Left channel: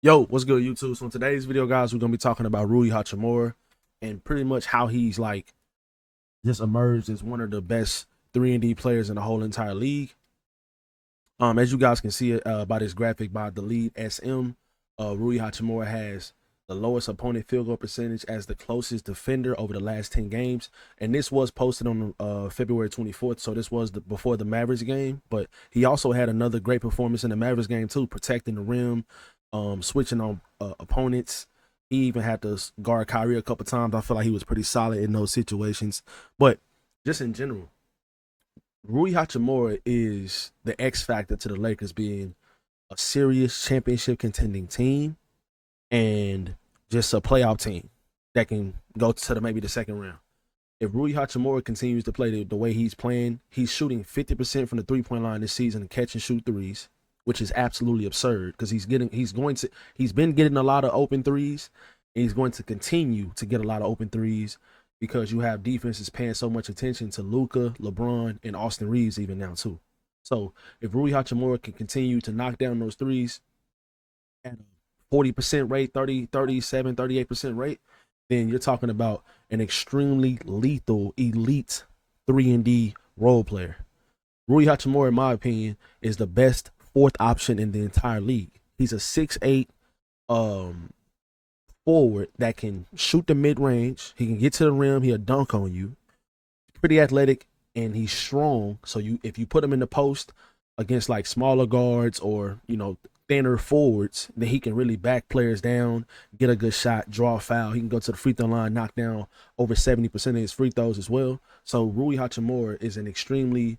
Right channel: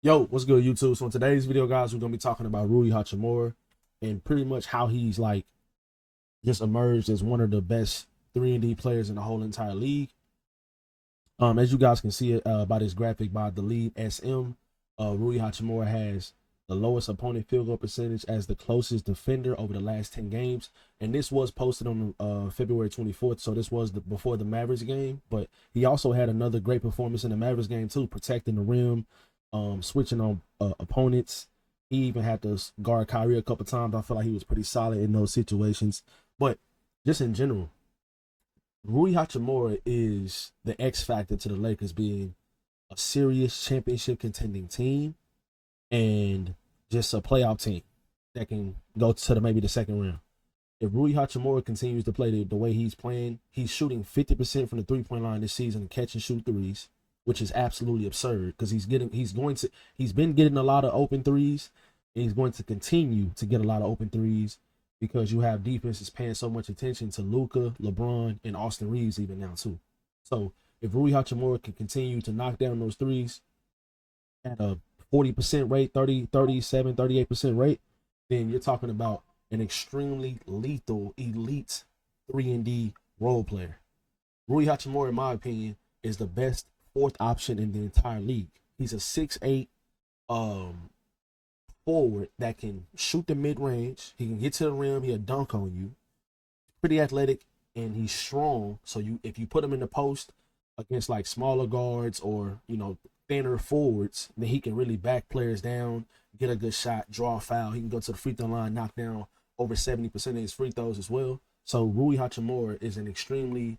Yo, what's good, YouTube? So in today's video, guys, we're gonna be talking about Rui Hachimura and pretty much how he's like just emerged as one of the best 3 and D players in the whole entire league. As you guys can see it by this graphic by the lead SM, Rui Hachimura has the lowest opponent field goal percentage as the closest defender over the last 10 games. And this was posted on February 24th, so this was before the Mavericks game. But he also had another great performance in the Mavericks game too, protecting the rim, switching on opponents. He even had to guard Kyrie a couple times. I feel like he was pretty solid in those situations. But just in general, Rui Hachimura is the X factor to the Lakers being a serious championship contending team and just a playoff team that can go to maybe the second round. If Rui Hachimura continues to play the way he's playing, he's shooting 50% from the 3-point line this season and catch and shoot threes, which is absolutely absurd because he's been getting a lot of open threes, and he's going to continue to get a lot of open threes because you have defenses paying so much attention to Luka, LeBron, and Austin Reeves even now too. So if Rui Hachimura can continue to knock down those threes at a 40% rate, 38% rate, then you're talking about an extremely lethal, elite 3 and D role player. Rui Hachimura, in my opinion, is the best fourth option in the entire league. He's a 6'8" forward that can shoot the mid range. He can get to the rim. He'll dunk on you. Pretty athletic and he's strong. So if you put him in the post against like smaller guards or thinner forwards, then he can really back players down, get a good shot, draw a foul. He can go to the free throw line, knock down over 70% of his free throws as well. So Rui Hachimura is an extremely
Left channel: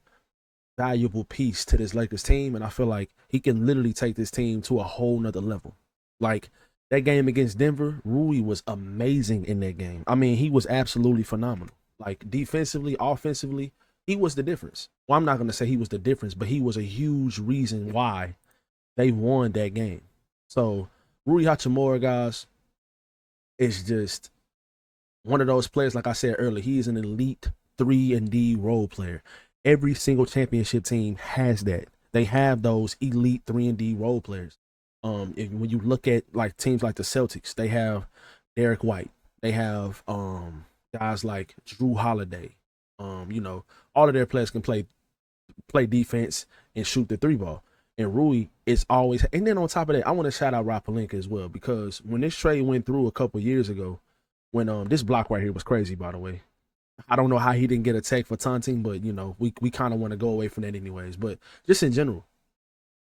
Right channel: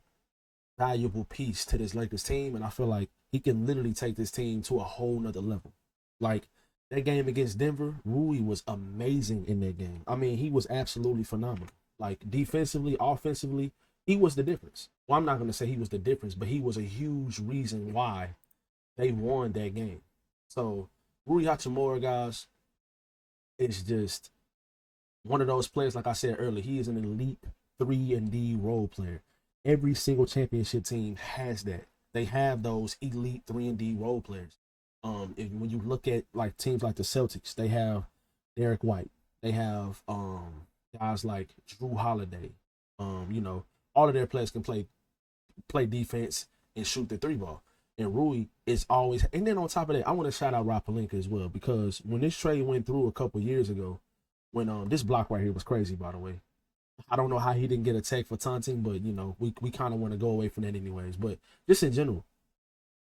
valuable piece to this Lakers team, and I feel like he can literally take this team to a whole nother level. Like that game against Denver, Rui was amazing in that game. I mean, he was absolutely phenomenal. Like defensively, offensively, he was the difference. Well, I'm not going to say he was the difference, but he was a huge reason why they won that game. So Rui Hachimura, guys, is just one of those players. Like I said earlier, he is an elite 3 and D role player. Every single championship team has that. They have those elite 3 and D role players. When you look at like teams like the Celtics, they have Derek White. They have guys like Drew Holiday. All of their players can play defense and shoot the three ball. And Rui is always, and then on top of that, I want to shout out Rob Pelinka as well because when this trade went through a couple years ago, when this block right here was crazy, by the way. I don't know how he didn't get a tech for taunting, but we kind of want to go away from that anyways. But just in general,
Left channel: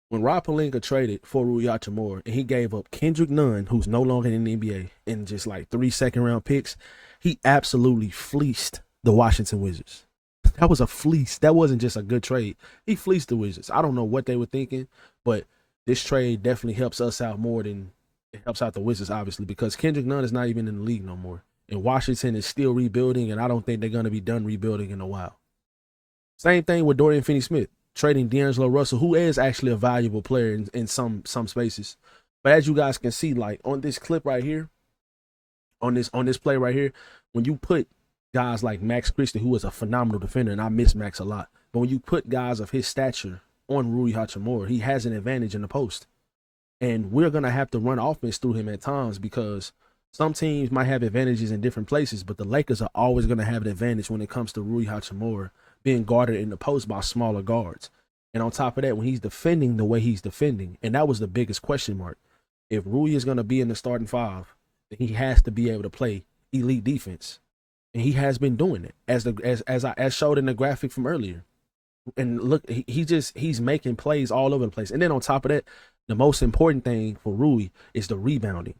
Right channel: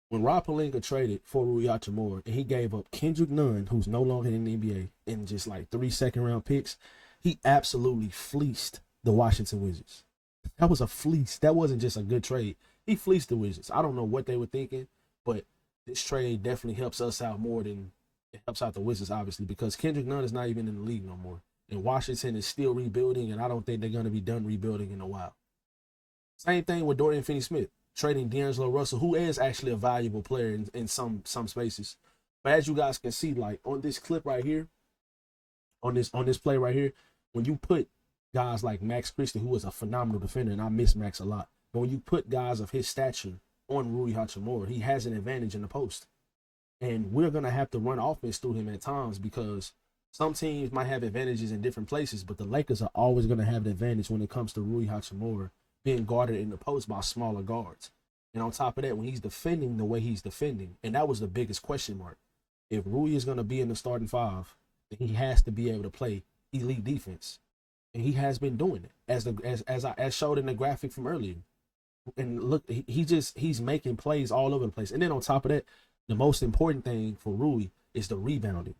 when Rob Pelinka traded for Rui Hachimura and he gave up Kendrick Nunn, who's no longer in the NBA, and just like 3 second-round picks, he absolutely fleeced the Washington Wizards. That was a fleece. That wasn't just a good trade. He fleeced the Wizards. I don't know what they were thinking, but this trade definitely helps us out more than it helps out the Wizards, obviously, because Kendrick Nunn is not even in the league no more. And Washington is still rebuilding, and I don't think they're going to be done rebuilding in a while. Same thing with Dorian Finney-Smith, trading D'Angelo Russell, who is actually a valuable player in some spaces. But as you guys can see, like on this clip right here, on this play right here, when you put guys like Max Christie, who is a phenomenal defender, and I miss Max a lot, but when you put guys of his stature on Rui Hachimura, he has an advantage in the post. And we're gonna have to run offense through him at times because some teams might have advantages in different places, but the Lakers are always gonna have an advantage when it comes to Rui Hachimura being guarded in the post by smaller guards. And on top of that, when he's defending the way he's defending, and that was the biggest question mark. If Rui is gonna be in the starting five, then he has to be able to play elite defense. And he has been doing it as showed in the graphic from earlier. And look, he's making plays all over the place. And then on top of that, the most important thing for Rui is the rebounding.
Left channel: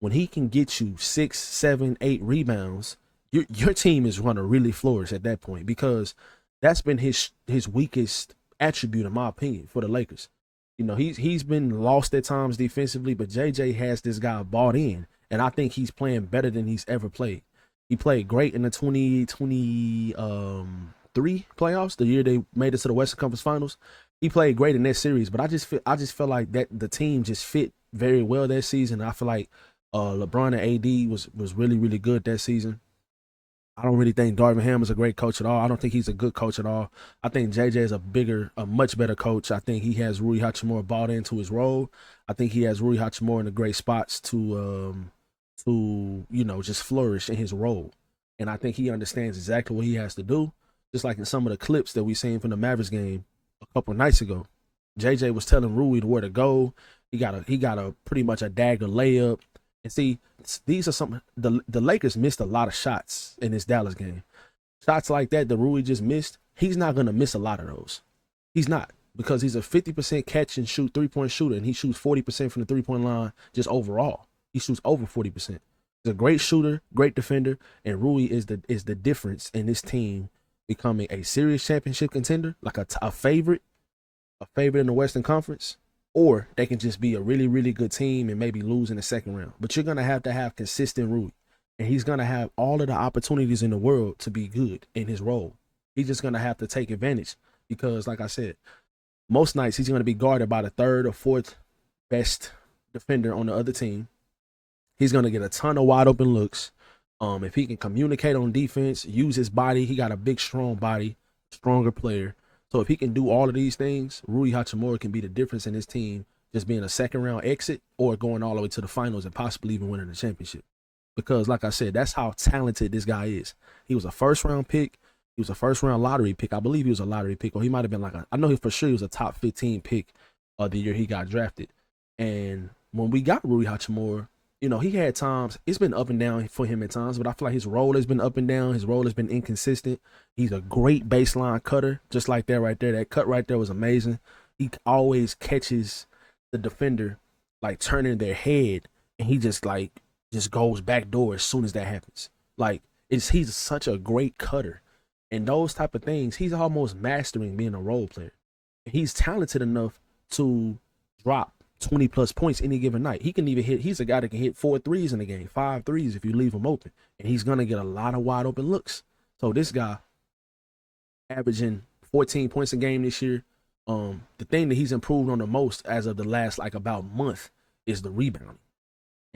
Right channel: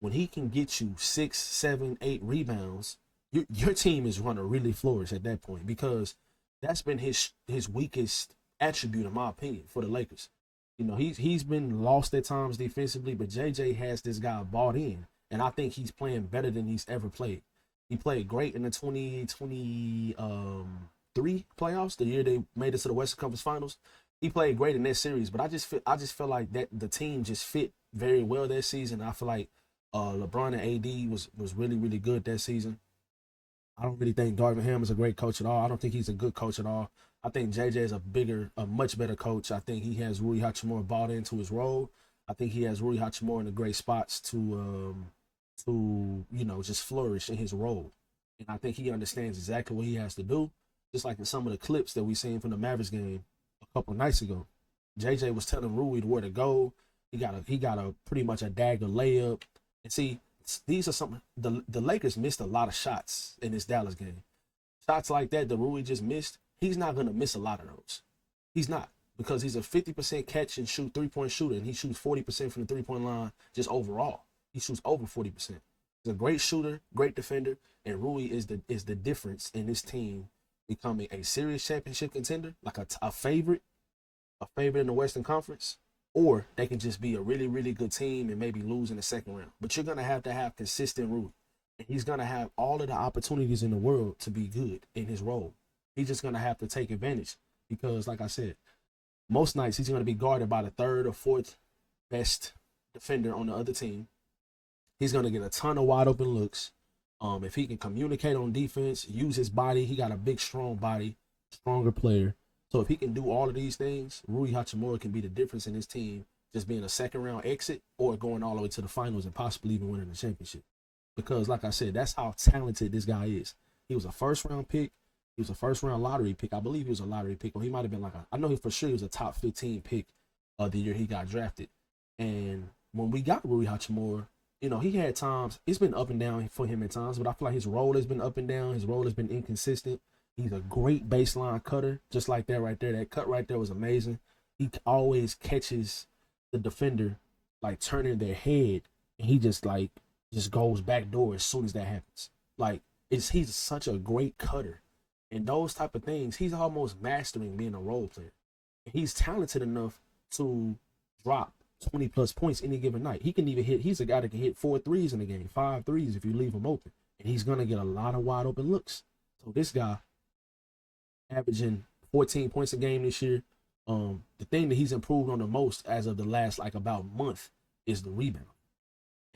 When he can get you 6, 7, 8 rebounds, your team is going to really flourish at that point because that's been his weakest attribute, in my opinion, for the Lakers. He's been lost at times defensively, but JJ has this guy bought in, and I think he's playing better than he's ever played. He played great in the 2023 playoffs, the year they made it to the Western Conference Finals. He played great in that series, but I just feel like that the team just fit very well that season. I feel like LeBron and AD was really really good that season. I don't really think Darvin Ham is a great coach at all. I don't think he's a good coach at all. I think JJ is a much better coach. I think he has Rui Hachimura bought into his role. I think he has Rui Hachimura in the great spots to just flourish in his role. And I think he understands exactly what he has to do. Just like in some of the clips that we seen from the Mavericks game a couple of nights ago. JJ was telling Rui where to go. He got a pretty much a dagger layup. And see, these are some the Lakers missed a lot of shots in this Dallas game. Shots like that Rui just missed, he's not gonna miss a lot of those. He's not, because he's a 50% catch and shoot 3-point shooter, and he shoots 40% from the 3-point line just overall. He shoots over 40%. He's a great shooter, great defender, and Rui is the difference in this team becoming a serious championship contender, like a favorite in the Western Conference, or they can just be a really, really good team and maybe lose in the second round. But you're gonna have to have consistent Rui, and he's gonna have all of the opportunities in the world to be good in his role. He's just gonna have to take advantage because, like I said, most nights he's gonna be guarded by the third or fourth best defender on the other team. He's gonna get a ton of wide open looks. If he can communicate on defense, use his body, he got a big, strong body, stronger player. So if he can do all of these things, Rui Hachimura can be the difference in his team, just being a second round exit or going all the way to the finals and possibly even winning the championship. Because, like I said, that's how talented this guy is. He was a first round pick. He was a first round lottery pick. I believe he was a lottery pick, or he might have been I know he for sure he was a top 15 pick the year he got drafted. And when we got Rui Hachimura, he had times, it's been up and down for him at times, but I feel like his role has been up and down. His role has been inconsistent. He's a great baseline cutter, just like that right there. That cut right there was amazing. He always catches the defender like turning their head, and he just goes back door as soon as that happens. He's such a great cutter. And those type of things, he's almost mastering being a role player. He's talented enough to drop 20 plus points any given night. He can even he's a guy that can hit 4 threes in a game, 5 threes if you leave him open. And he's going to get a lot of wide open looks. So this guy averaging 14 points a game this year. The thing that he's improved on the most as of the last about month is the rebounding.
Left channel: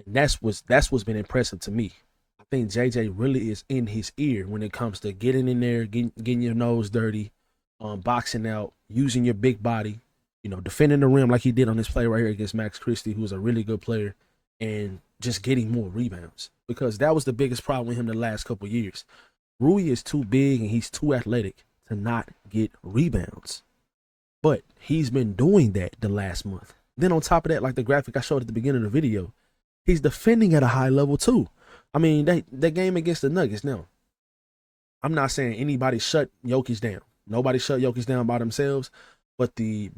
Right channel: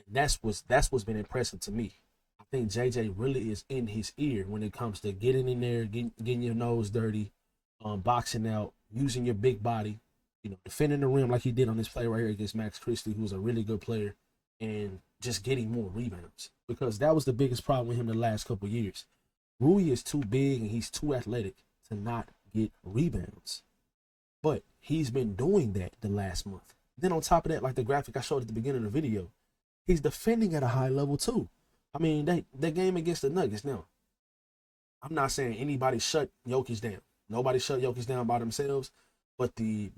And that's what's been impressive to me. I think JJ really is in his ear when it comes to getting in there, getting your nose dirty, boxing out, using your big body, defending the rim like he did on this play right here against Max Christie, who's a really good player, and just getting more rebounds. Because that was the biggest problem with him the last couple of years. Rui is too big and he's too athletic to not get rebounds. But he's been doing that the last month. Then on top of that, like the graphic I showed at the beginning of the video, he's defending at a high level too. I mean, that game against the Nuggets now, I'm not saying anybody shut Jokic down. Nobody shut Jokic down by themselves. But the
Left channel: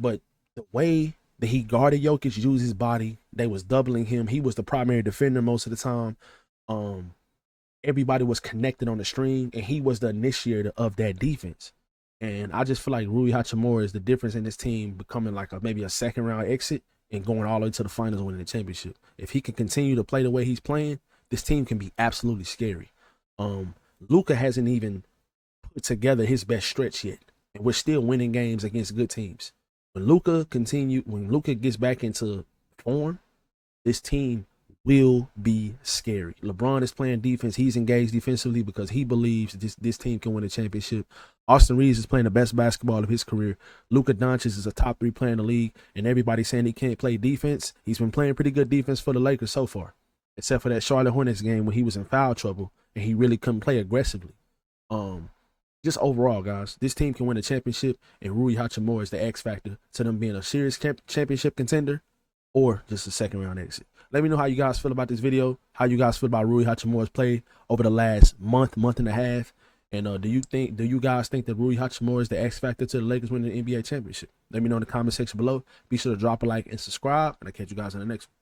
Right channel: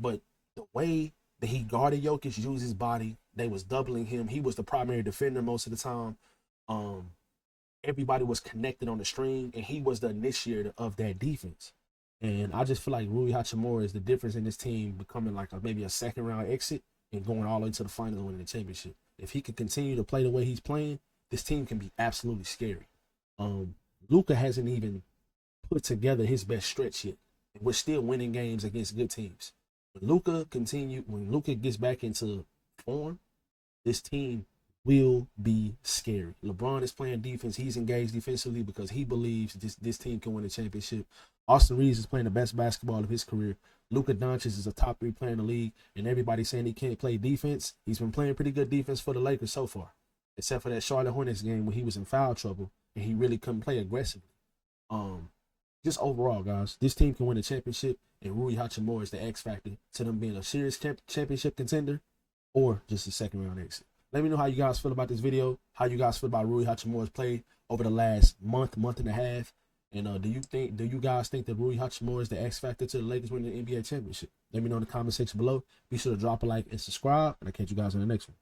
way that he guarded Jokic, used his body, they was doubling him. He was the primary defender most of the time. Everybody was connected on the string, and he was the initiator of that defense. And I just feel like Rui Hachimura is the difference in this team becoming maybe a second round exit and going all the way to the finals and winning the championship. If he can continue to play the way he's playing, this team can be absolutely scary. Luka hasn't even put together his best stretch yet, and we're still winning games against good teams. When Luka gets back into form, this team will be scary. LeBron is playing defense. He's engaged defensively because he believes this team can win a championship. Austin Reeves is playing the best basketball of his career. Luka Doncic is a top 3 player in the league, and everybody's saying he can't play defense. He's been playing pretty good defense for the Lakers so far, except for that Charlotte Hornets game when he was in foul trouble and he really couldn't play aggressively. Just overall, guys, this team can win a championship, and Rui Hachimura is the X factor to them being a serious championship contender or just a second round exit. Let me know how you guys feel about this video, how you guys feel about Rui Hachimura's play over the last month and a half. And do you guys think that Rui Hachimura is the X factor to the Lakers winning the NBA championship? Let me know in the comment section below. Be sure to drop a like and subscribe, and I'll catch you guys in the next one.